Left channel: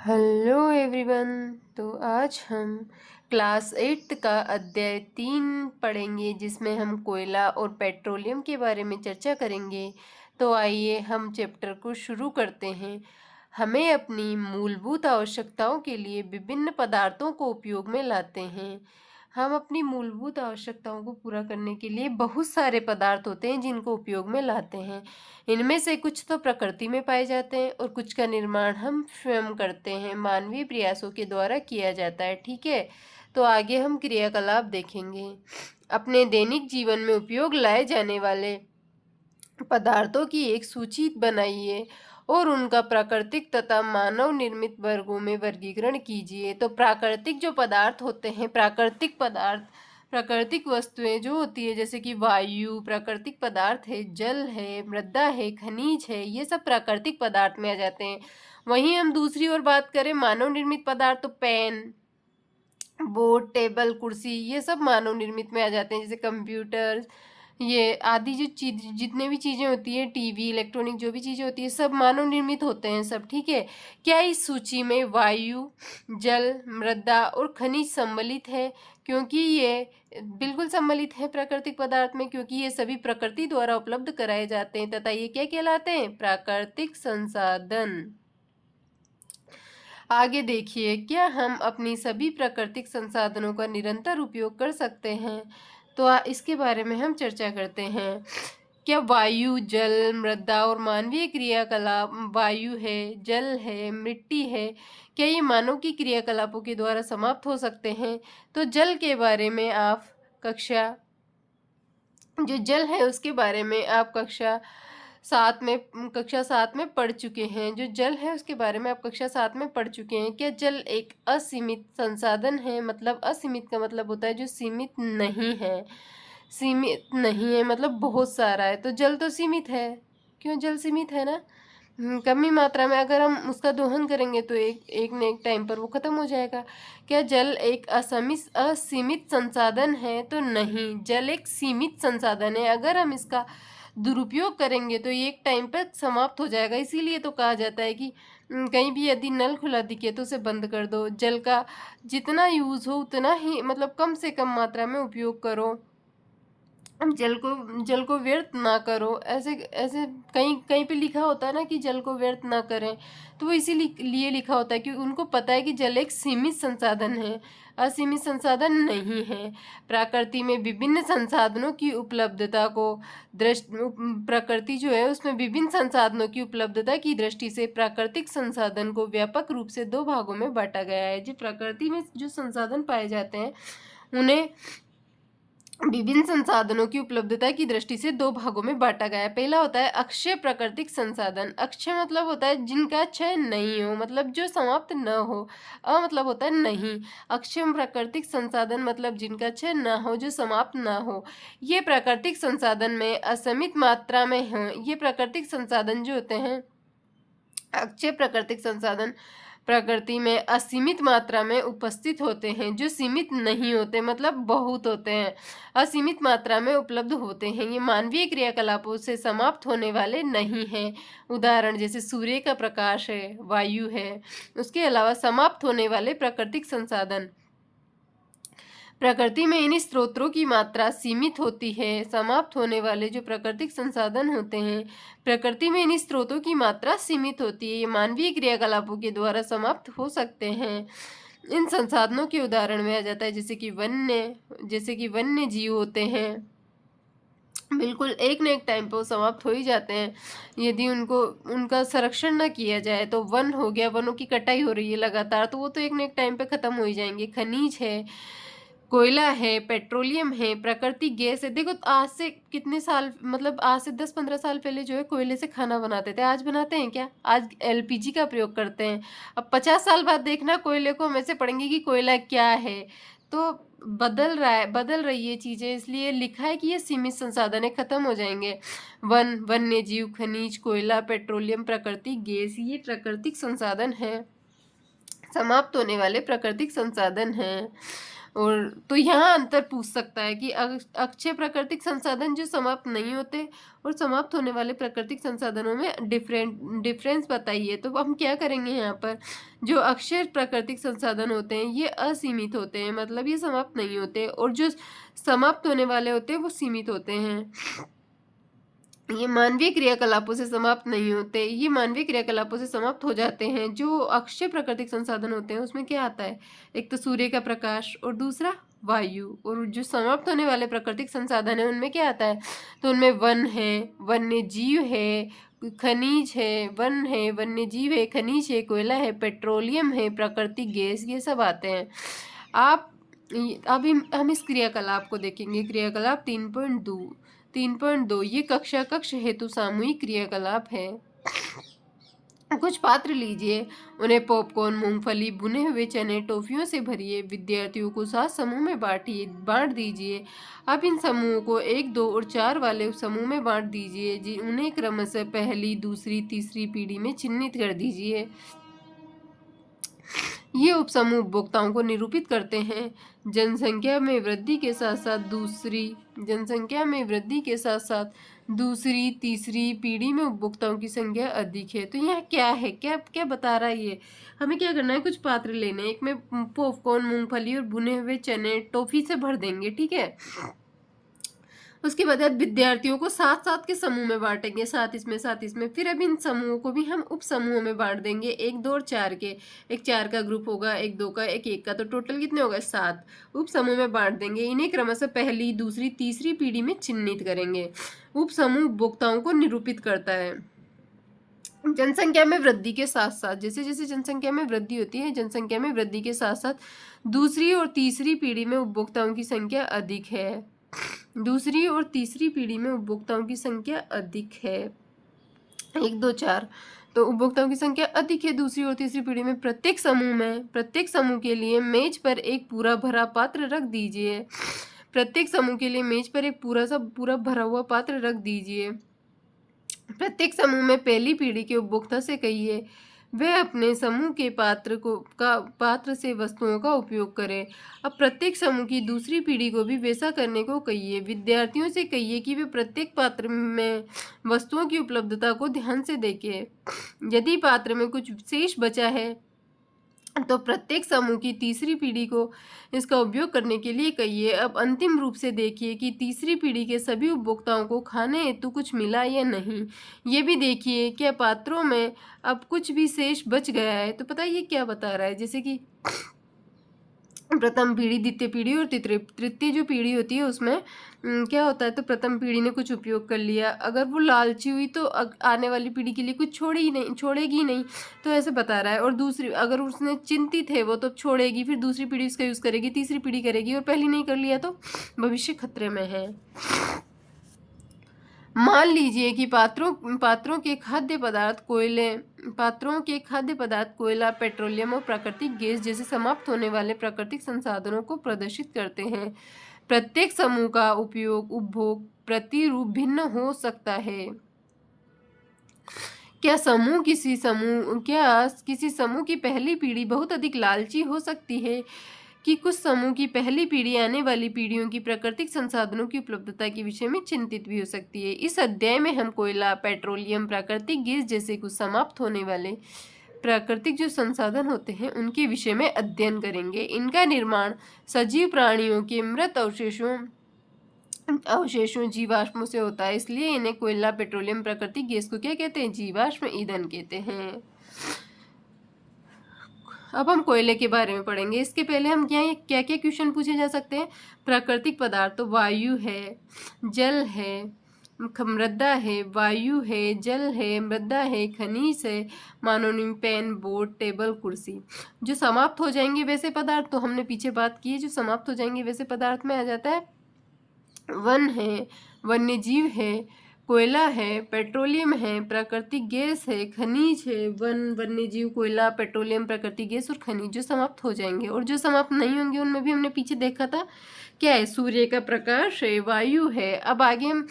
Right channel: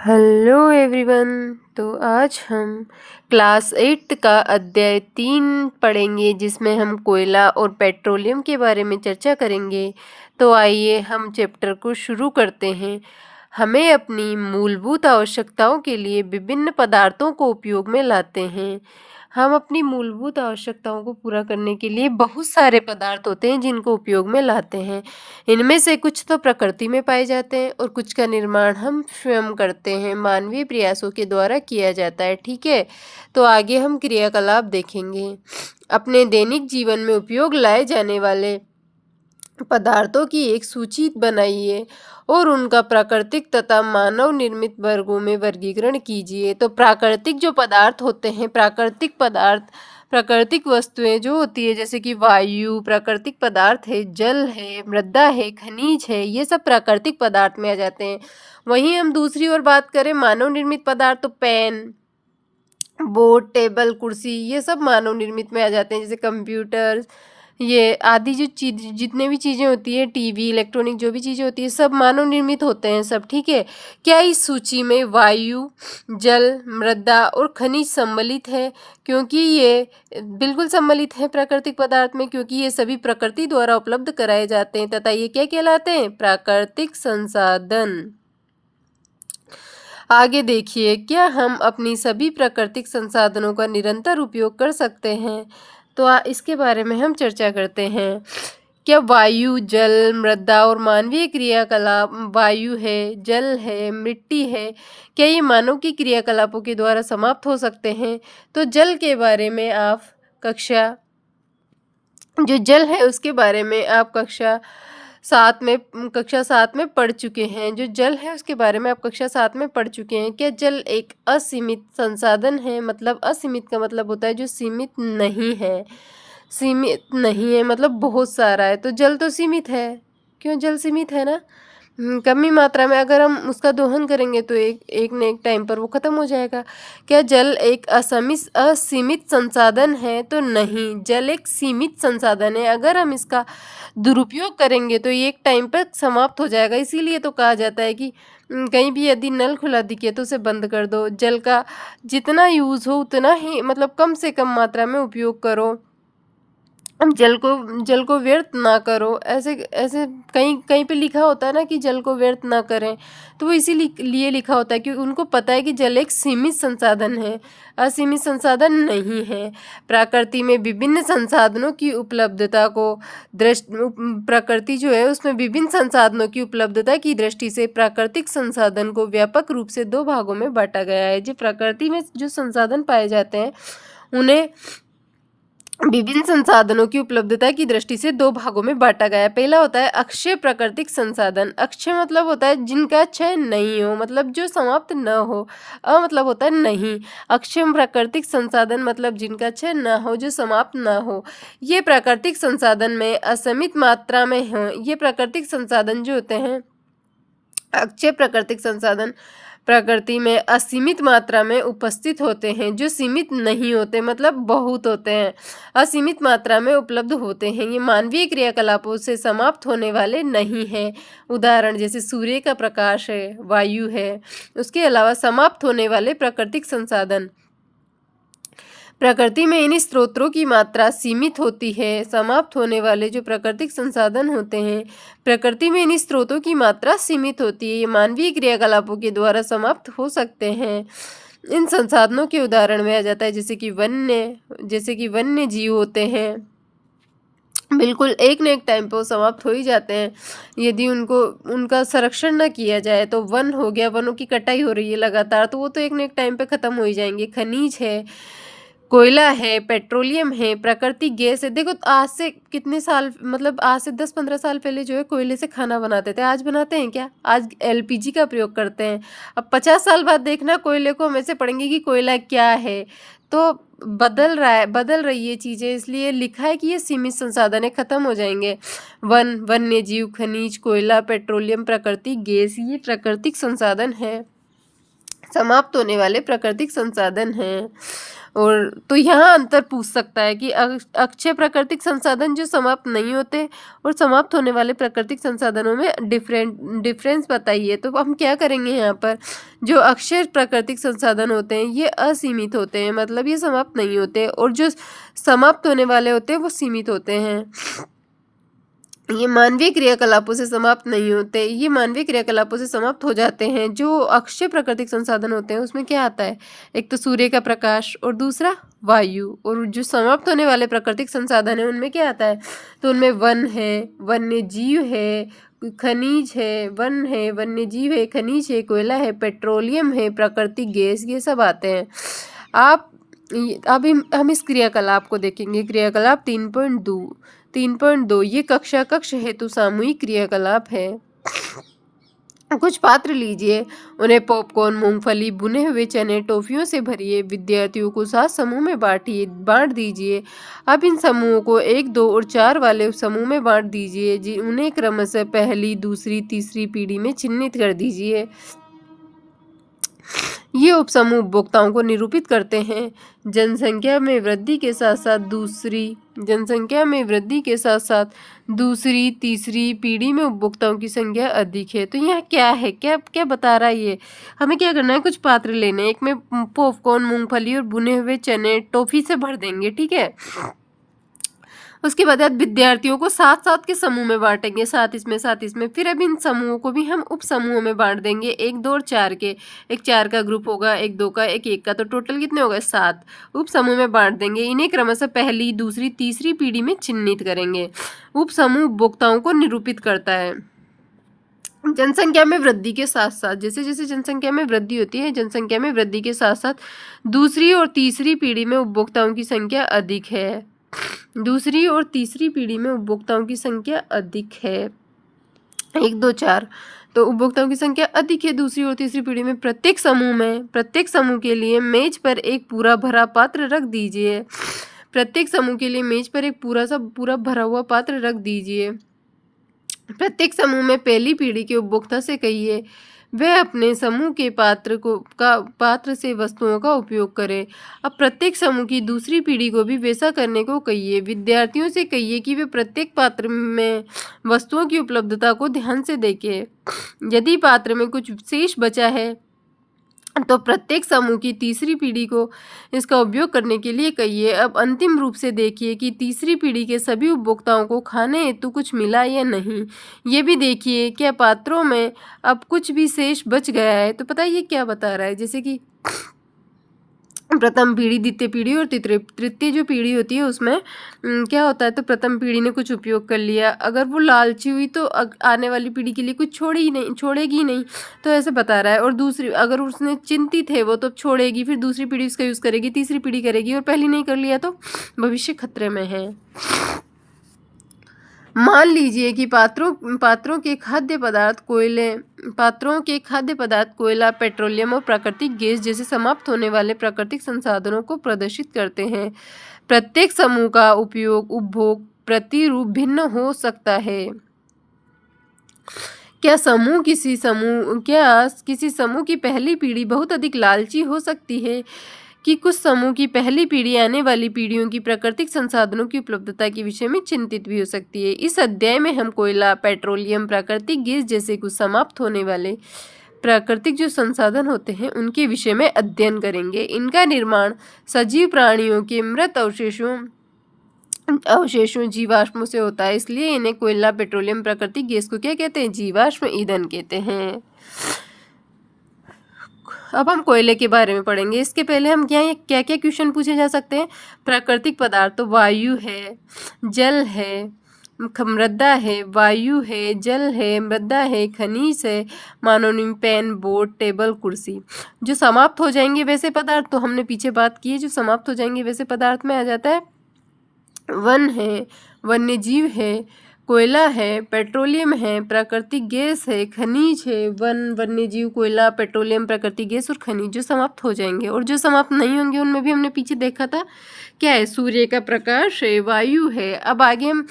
Hello everyone. तो आज हम क्लास 8 का अध्याय 3 पढ़ेंगे, जिसमें हम कोयला और पेट्रोलियम के बारे में चर्चा करेंगे। तो आइए हम चैप्टर को शुरू करते हैं। हमें अपनी मूलभूत आवश्यकताओं के लिए विभिन्न पदार्थों को उपयोग में लाते हैं। हम अपनी मूलभूत आवश्यकताओं को पूरा करने के लिए बहुत सारे पदार्थ होते हैं जिनको उपयोग में लाते हैं। इनमें से कुछ तो प्रकृति में पाए जाते हैं और कुछ का निर्माण हम स्वयं करते हैं, मानवीय प्रयासों के द्वारा किया जाता है। ठीक है, तो आगे हम क्रियाकलाप देखेंगे। अपने दैनिक जीवन में उपयोग लाए जाने वाले पदार्थों की एक सूची बनाइए और उनका प्राकृतिक तथा मानव निर्मित वर्गों में वर्गीकरण कीजिए। तो प्राकृतिक जो पदार्थ होते हैं, प्राकृतिक पदार्थ, प्राकृतिक वस्तुएं जो होती है, जैसे कि वायु प्राकृतिक पदार्थ है, जल है, मृदा है, खनिज है, ये सब प्राकृतिक पदार्थ में आ जाते हैं। वहीं हम दूसरी ओर बात करें मानव निर्मित पदार्थ, तो पेन, बोर्ड, टेबल, कुर्सी, ये सब मानव निर्मित में आ जाते हैं। जैसे कंप्यूटर, ये आदि जो चीज, जितने भी चीज़ें होती है, टीवी, इलेक्ट्रॉनिक जो भी चीज़ें होती है, सब मानव निर्मित होते हैं सब। ठीक है, क्या इस सूची में वायु, जल, मृदा और खनिज सम्मिलित है? क्योंकि ये बिल्कुल सम्मिलित है प्राकृतिक पदार्थ में, क्योंकि ये सभी प्रकृति द्वारा उपलब्ध कराए जाते हैं तथा ये क्या कहलाते हैं? प्राकृतिक संसाधन। आगे देखिए, क्या हम अपनी सभी प्राकृतिक संसाधनों का निरंतर उपयोग कर सकते हैं? तो इसके बारे में हम चर्चा करते हैं। क्या वायु, जल, मृदा और मानवीय क्रियाकलाप, वायु है, जल है, मिट्टी है, क्या ये मानव की क्रियाकलापों के द्वारा समाप्त हो सकते हैं? तो जल के बारे में आप कक्षा जो जल है उसके बारे में आप कक्षा 7 में पढ़ चुके हैं। जो जल है उसके बारे में आप कक्षा 7 में पढ़ चुके हैं। क्या जल एक असीमित संसाधन है? मतलब असीमित का मतलब होता है जो सीमित नहीं है। सीमित नहीं है मतलब बहुत सारा है, तो जल तो सीमित है। क्यों? जल सीमित है ना। कमी मात्रा में अगर हम उसका दोहन करेंगे तो एक एक न एक टाइम पर वो खत्म हो जाएगा। क्या जल एक असीमित संसाधन है? तो नहीं, जल एक सीमित संसाधन है। अगर हम इसका दुरुपयोग करेंगे तो ये एक टाइम पर समाप्त हो जाएगा। इसीलिए तो कहा जाता है कि कहीं भी यदि नल खुला दिखे तो उसे बंद कर दो। जल का जितना यूज़ हो उतना ही, मतलब कम से कम मात्रा में उपयोग करो। हम जल को व्यर्थ ना करो। ऐसे ऐसे कहीं कहीं पे लिखा होता है ना कि जल को व्यर्थ ना करें, तो वो इसीलिए लिखा होता है कि उनको पता है कि जल एक सीमित संसाधन है, असीमित संसाधन नहीं है। प्रकृति में विभिन्न संसाधनों की उपलब्धता को प्रकृति जो है उसमें विभिन्न संसाधनों की उपलब्धता की दृष्टि से प्राकृतिक संसाधन को व्यापक रूप से दो भागों में बांटा गया है। जो प्रकृति में जो संसाधन पाए जाते हैं उन्हें विभिन्न संसाधनों की उपलब्धता की दृष्टि से दो भागों में बांटा गया है। पहला होता है अक्षय प्राकृतिक संसाधन। अक्षय मतलब होता है जिनका क्षय नहीं हो, मतलब जो समाप्त न हो। मतलब होता है नहीं। अक्षय प्राकृतिक संसाधन मतलब जिनका क्षय न हो, जो समाप्त न हो। ये प्राकृतिक संसाधन में असीमित मात्रा में हो। ये प्राकृतिक संसाधन जो होते हैं, अक्षय प्राकृतिक संसाधन, प्रकृति में असीमित मात्रा में उपस्थित होते हैं। जो सीमित नहीं होते मतलब बहुत होते हैं, असीमित मात्रा में उपलब्ध होते हैं। ये मानवीय क्रियाकलापों से समाप्त होने वाले नहीं हैं। उदाहरण जैसे सूर्य का प्रकाश है, वायु है। उसके अलावा समाप्त होने वाले प्राकृतिक संसाधन, प्रकृति में इन स्रोतों की मात्रा सीमित होती है। समाप्त होने वाले जो प्राकृतिक संसाधन होते हैं, प्रकृति में इन स्रोतों की मात्रा सीमित होती है। ये मानवीय क्रियाकलापों के द्वारा समाप्त हो सकते हैं। इन संसाधनों के उदाहरण में आ जाता है जैसे कि वन्य जीव होते हैं। बिल्कुल एक न एक टाइम पर वो समाप्त हो ही जाते हैं यदि उनका संरक्षण न किया जाए। तो वन हो गया, वनों की कटाई हो रही है लगातार, तो वो तो एक न एक टाइम पे खत्म हो ही जाएंगे। खनिज है, कोयला है, पेट्रोलियम है, प्राकृतिक गैस है। देखो आज से कितने साल, मतलब आज से 10-15 साल पहले जो है कोयले से खाना बनाते थे, आज बनाते हैं क्या? आज एलपीजी का प्रयोग करते हैं। अब 50 साल बाद देखना कोयले को हम ऐसे पढ़ेंगे कि कोयला क्या है। तो बदल रही है चीज़ें, इसलिए लिखा है कि ये सीमित संसाधन है, खत्म हो जाएंगे। वन्य जीव, खनिज, कोयला, पेट्रोलियम, प्राकृतिक गैस, ये प्राकृतिक संसाधन है, समाप्त होने वाले प्राकृतिक संसाधन हैं। और तो यहाँ अंतर पूछ सकता है कि अक्षय प्राकृतिक संसाधन जो समाप्त नहीं होते और समाप्त होने वाले प्राकृतिक संसाधनों में डिफरेंस बताइए। तो हम क्या करेंगे यहाँ पर, जो अक्षय प्राकृतिक संसाधन होते हैं ये असीमित होते हैं, मतलब ये समाप्त नहीं होते, और जो समाप्त होने वाले होते हैं वो सीमित होते हैं। ये मानवीय क्रियाकलापों से समाप्त नहीं होते, ये मानवीय क्रियाकलापों से समाप्त हो जाते हैं। जो अक्षय प्राकृतिक संसाधन होते हैं उसमें क्या आता है, एक तो सूर्य का प्रकाश और दूसरा वायु। और जो समाप्त होने वाले प्राकृतिक संसाधन है उनमें क्या आता है, तो उनमें वन है, वन्य जीव है, खनिज है, वन है, वन्य जीव है, खनिज है, कोयला है, पेट्रोलियम है, प्राकृतिक गैस, ये सब आते हैं। आप अब हम इस क्रियाकलाप को देखेंगे। क्रियाकलाप 3.2 ये कक्ष हेतु सामूहिक क्रियाकलाप है। कुछ पात्र लीजिए, उन्हें पॉपकॉर्न, मूंगफली, भुने हुए चने, टॉफियों से भरिए, विद्यार्थियों को 7 समूह में बांट दीजिए। अब इन समूहों को 1, 2 और 4 वाले समूह में बांट दीजिए। उन्हें क्रमशः पहली, दूसरी, तीसरी पीढ़ी में चिन्हित कर दीजिए। ये उपसमूह उपभोक्ताओं को निरूपित करते हैं। जनसंख्या में वृद्धि के साथ साथ दूसरी, तीसरी पीढ़ी में उपभोक्ताओं की संख्या अधिक है। तो यहाँ क्या है, क्या क्या बता रहा है ये, हमें क्या करना है, कुछ पात्र लेने, एक में पॉपकॉर्न, मूंगफली और भुने हुए चने टॉफी से भर देंगे, ठीक है। उसके बाद विद्यार्थियों को 7-7 के समूह में बांटेंगे, 7 इसमें। फिर अब इन समूहों को भी हम उप समूहों में बांट देंगे, 1, 2 और 4 के। एक 4 का ग्रुप होगा, एक 2 का, एक 1 का, तो टोटल कितने हो गए, 7 उप समूह में बांट देंगे। इन्हें क्रमशः पहली, दूसरी, तीसरी पीढ़ी में चिन्हित करेंगे। उप समूह उपभोक्ताओं को निरूपित करता है। जनसंख्या में वृद्धि के साथ साथ, जैसे जैसे जनसंख्या में वृद्धि होती है, जनसंख्या में वृद्धि के साथ साथ दूसरी और तीसरी पीढ़ी में उपभोक्ताओं की संख्या अधिक है। दूसरी और तीसरी पीढ़ी में उपभोक्ताओं की संख्या अधिक है, 1, 2, 4। तो उपभोक्ताओं की संख्या अधिक है दूसरी और तीसरी पीढ़ी में। प्रत्येक समूह के लिए मेज पर एक पूरा भरा पात्र रख दीजिए। प्रत्येक समूह के लिए मेज पर एक पूरा भरा हुआ पात्र रख दीजिए। प्रत्येक समूह में पहली पीढ़ी के उपभोक्ता से कहिए वह अपने समूह के पात्र से वस्तुओं का उपयोग करे। अब प्रत्येक समूह की दूसरी पीढ़ी को भी वैसा करने को कहिए। विद्यार्थियों से कहिए कि वे प्रत्येक पात्र में वस्तुओं की उपलब्धता को ध्यान से देखें। यदि पात्र में कुछ शेष बचा है तो प्रत्येक समूह की तीसरी पीढ़ी को इसका उपयोग करने के लिए कहिए। अब अंतिम रूप से देखिए कि तीसरी पीढ़ी के सभी उपभोक्ताओं को खाने हेतु कुछ मिला या नहीं। ये भी देखिए क्या पात्रों में अब कुछ भी शेष बच गया है। तो पता है ये क्या बता रहा है, जैसे कि प्रथम पीढ़ी, द्वितीय पीढ़ी और तृतीय जो पीढ़ी होती है उसमें क्या होता है, तो प्रथम पीढ़ी ने कुछ उपयोग कर लिया, अगर वो लालची हुई तो आने वाली पीढ़ी के लिए कुछ छोड़ेगी नहीं, तो ऐसे बता रहा है। और दूसरी, अगर उसने चिंतित है वो तो छोड़ेगी, फिर दूसरी पीढ़ी उसका यूज़ करेगी, तीसरी पीढ़ी करेगी, और पहली नहीं कर लिया तो भविष्य खतरे में है। मान लीजिए कि पात्रों के खाद्य पदार्थ कोयला, पेट्रोलियम और प्राकृतिक गैस जैसे समाप्त होने वाले प्राकृतिक संसाधनों को प्रदर्शित करते हैं। प्रत्येक समूह का उपभोग प्रतिरूप भिन्न हो सकता है। क्या किसी समूह की पहली पीढ़ी बहुत अधिक लालची हो सकती है कि कुछ समूह की पहली पीढ़ी आने वाली पीढ़ियों की प्राकृतिक संसाधनों की उपलब्धता के विषय में चिंतित भी हो सकती है। इस अध्याय में हम कोयला, पेट्रोलियम, प्राकृतिक गैस जैसे कुछ समाप्त होने वाले प्राकृतिक जो संसाधन होते हैं उनके विषय में अध्ययन करेंगे। इनका निर्माण सजीव प्राणियों के मृत अवशेषों जीवाश्मों से होता है, इसलिए इन्हें कोयला, पेट्रोलियम, प्राकृतिक गैस को क्या कहते हैं, जीवाश्म ईंधन कहते हैं। अब हम कोयले के बारे में पढ़ेंगे। इसके पहले हम क्या क्या क्वेश्चन पूछे जा सकते हैं। प्राकृतिक पदार्थ तो वायु है, जल है, मृदा है, वायु है, जल है, मृदा है, खनिज है, मानोनिम, पेन, बोर्ड, टेबल, कुर्सी। जो समाप्त हो जाएंगे वैसे पदार्थ, तो हमने पीछे बात की है, जो समाप्त हो जाएंगे वैसे पदार्थ में आ जाता है वन है, वन्य जीव है, कोयला है, पेट्रोलियम है, प्राकृतिक गैस है, खनिज है। वन्य जीव, कोयला, पेट्रोलियम, प्राकृतिक गैस और खनिज जो समाप्त हो जाएंगे। और जो समाप्त नहीं होंगे उनमें भी हमने पीछे देखा था क्या है, सूर्य का प्रकाश है, वायु है। अब आगे हम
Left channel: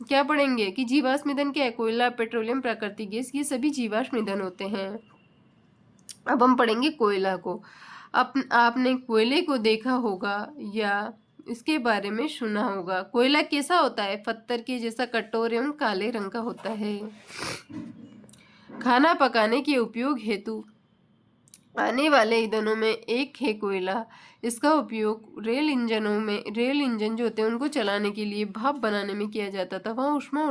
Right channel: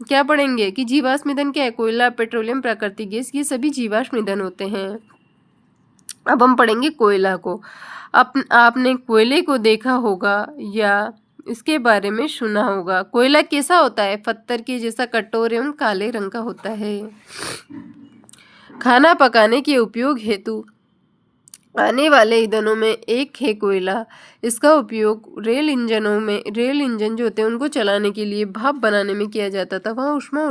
क्या पढ़ेंगे कि जीवाश्म ईंधन क्या है, कोयला, पेट्रोलियम, प्राकृतिक गैस, ये सभी जीवाश्म ईंधन होते हैं। अब हम पढ़ेंगे कोयला को। आपने कोयले को देखा होगा या इसके बारे में सुना होगा। कोयला कैसा होता है? पत्थर के जैसा कठोर एवं काले रंग का होता है। खाना पकाने के उपयोग हेतु आने वाले ईंधनों में एक है कोयला। इसका उपयोग रेल इंजन जो होते हैं उनको चलाने के लिए भाप बनाने में किया जाता था। वहाँ ऊष्मा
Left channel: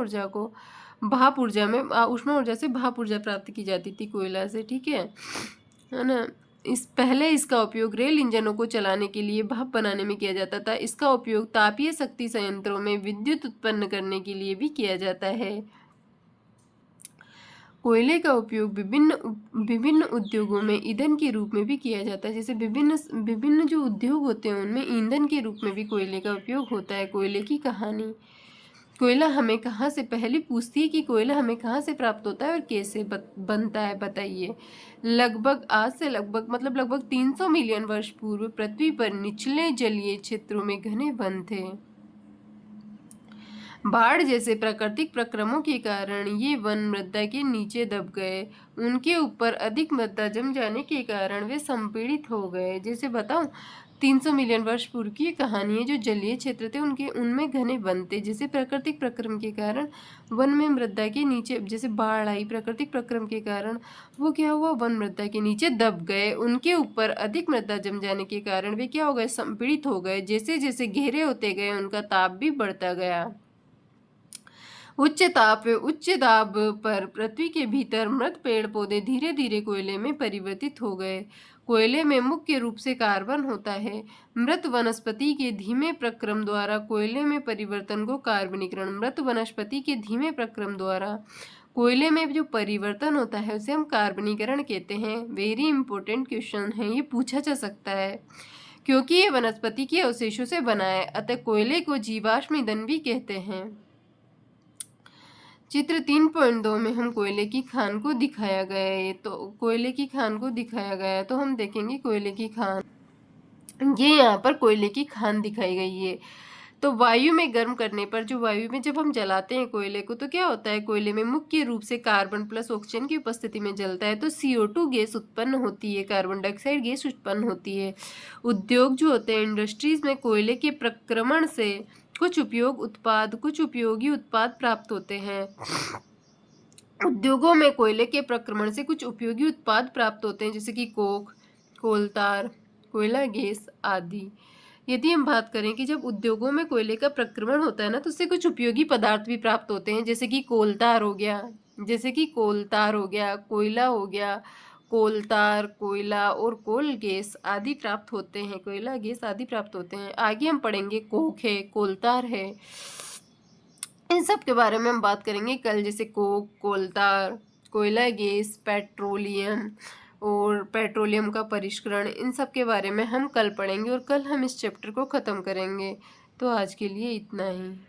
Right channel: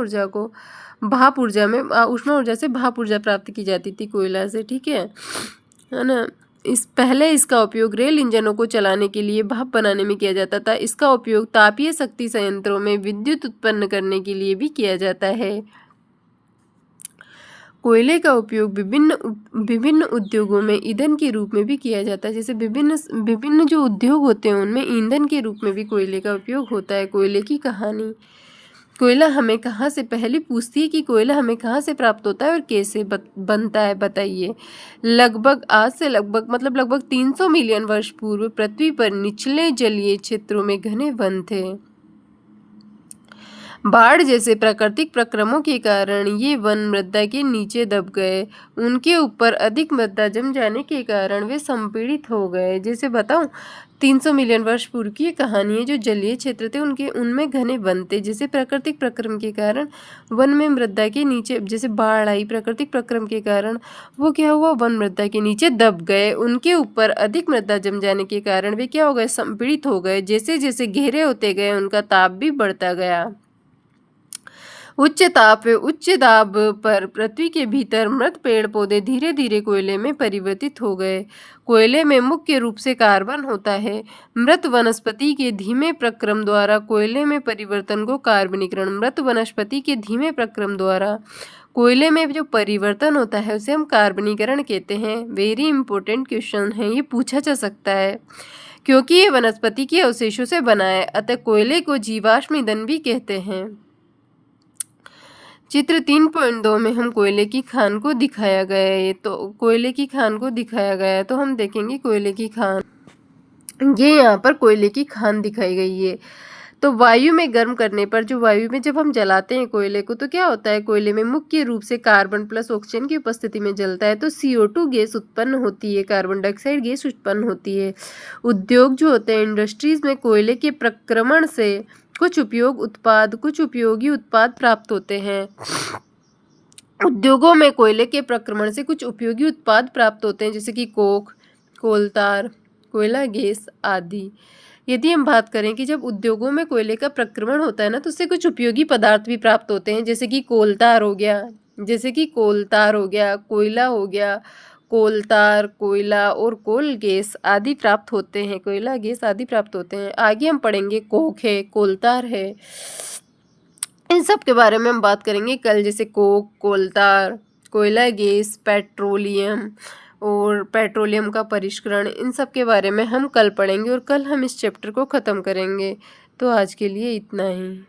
ऊर्जा से भाप ऊर्जा प्राप्त की जाती थी कोयला से, ठीक है ना। इसका उपयोग रेल इंजनों को चलाने के लिए भाप बनाने में किया जाता था। इसका उपयोग तापीय शक्ति संयंत्रों में विद्युत उत्पन्न करने के लिए भी किया जाता है। कोयले का उपयोग विभिन्न उद्योगों में ईंधन के रूप में भी किया जाता है। जैसे विभिन्न जो उद्योग होते हैं उनमें ईंधन के रूप में भी कोयले का उपयोग होता है। कोयले की कहानी। कोयला हमें कहाँ से पहले पूछती है कि कोयला हमें कहाँ से प्राप्त होता है और कैसे बनता है, बताइए। आज से लगभग 300 मिलियन वर्ष पूर्व पृथ्वी पर निचले जलीय क्षेत्रों में घने वन थे। बाढ़ जैसे प्राकृतिक प्रक्रमों के कारण ये वन मृदा के नीचे दब गए। उनके ऊपर अधिक मृदा जम जाने के कारण वे संपीड़ित हो गए। जैसे बताऊं, 300 मिलियन वर्ष पूर्व की कहानी है। जो जलीय क्षेत्र थे उनमें घने वन थे। जैसे प्राकृतिक प्रक्रम के कारण वन में मृदा के नीचे, जैसे बाढ़ आई प्राकृतिक प्रक्रम के कारण, वो क्या हुआ, वन मृदा के नीचे दब गए। उनके ऊपर अधिक मृदा जम जाने के कारण वे क्या हो गए, संपीड़ित हो गए। जैसे जैसे गहरे होते गए उनका ताप भी बढ़ता गया। उच्च दाब पर पृथ्वी के भीतर मृत पेड़ पौधे धीरे धीरे कोयले में परिवर्तित हो गए। कोयले में मुख्य रूप से कार्बन होता है। मृत वनस्पति के धीमे प्रक्रम द्वारा कोयले में परिवर्तन को कार्बनीकरण मृत वनस्पति के धीमे प्रक्रम द्वारा कोयले में जो परिवर्तन होता है उसे हम कार्बनीकरण कहते हैं। वेरी इंपॉर्टेंट क्वेश्चन है, ये पूछा जा सकता है क्योंकि ये वनस्पति के अवशेषों से बना है। अतः कोयले को जीवाश्म ईंधन भी कहते हैं। चित्र 3.2 में हम कोयले की खान को दिखाया गया है। तो कोयले की खान को दिखाया गया है तो हम देखेंगे कोयले की खान। ये यहाँ पर कोयले की खान दिखाई गई है। तो वायु में गर्म करने पर, जो वायु में जब हम जलाते हैं कोयले को, तो क्या होता है, कोयले में मुख्य रूप से कार्बन प्लस ऑक्सीजन की उपस्थिति में जलता है तो CO2 गैस उत्पन्न होती है, कार्बन डाइऑक्साइड गैस उत्पन्न होती है। उद्योग जो होते हैं, इंडस्ट्रीज में कोयले के प्रक्रमण से कुछ उपयोगी उत्पाद प्राप्त होते हैं। उद्योगों में कोयले के प्रक्रमण से कुछ उपयोगी उत्पाद प्राप्त होते हैं, जैसे कि कोक, कोलतार, कोयला गैस आदि। यदि हम बात करें कि जब उद्योगों में कोयले का प्रक्रमण होता है ना, तो उससे कुछ उपयोगी पदार्थ भी प्राप्त होते हैं, जैसे कि कोलतार हो गया, कोयला हो गया, कोलतार, कोयला और कोल गैस आदि प्राप्त होते हैं, कोयला गैस आदि प्राप्त होते हैं। आगे हम पढ़ेंगे कोक है, कोलतार है, इन सब के बारे में हम बात करेंगे कल। जैसे कोक, कोलतार, कोयला गैस, पेट्रोलियम का परिष्करण, इन सब के बारे में हम कल पढ़ेंगे और कल हम इस चैप्टर को ख़त्म करेंगे। तो आज के लिए इतना ही।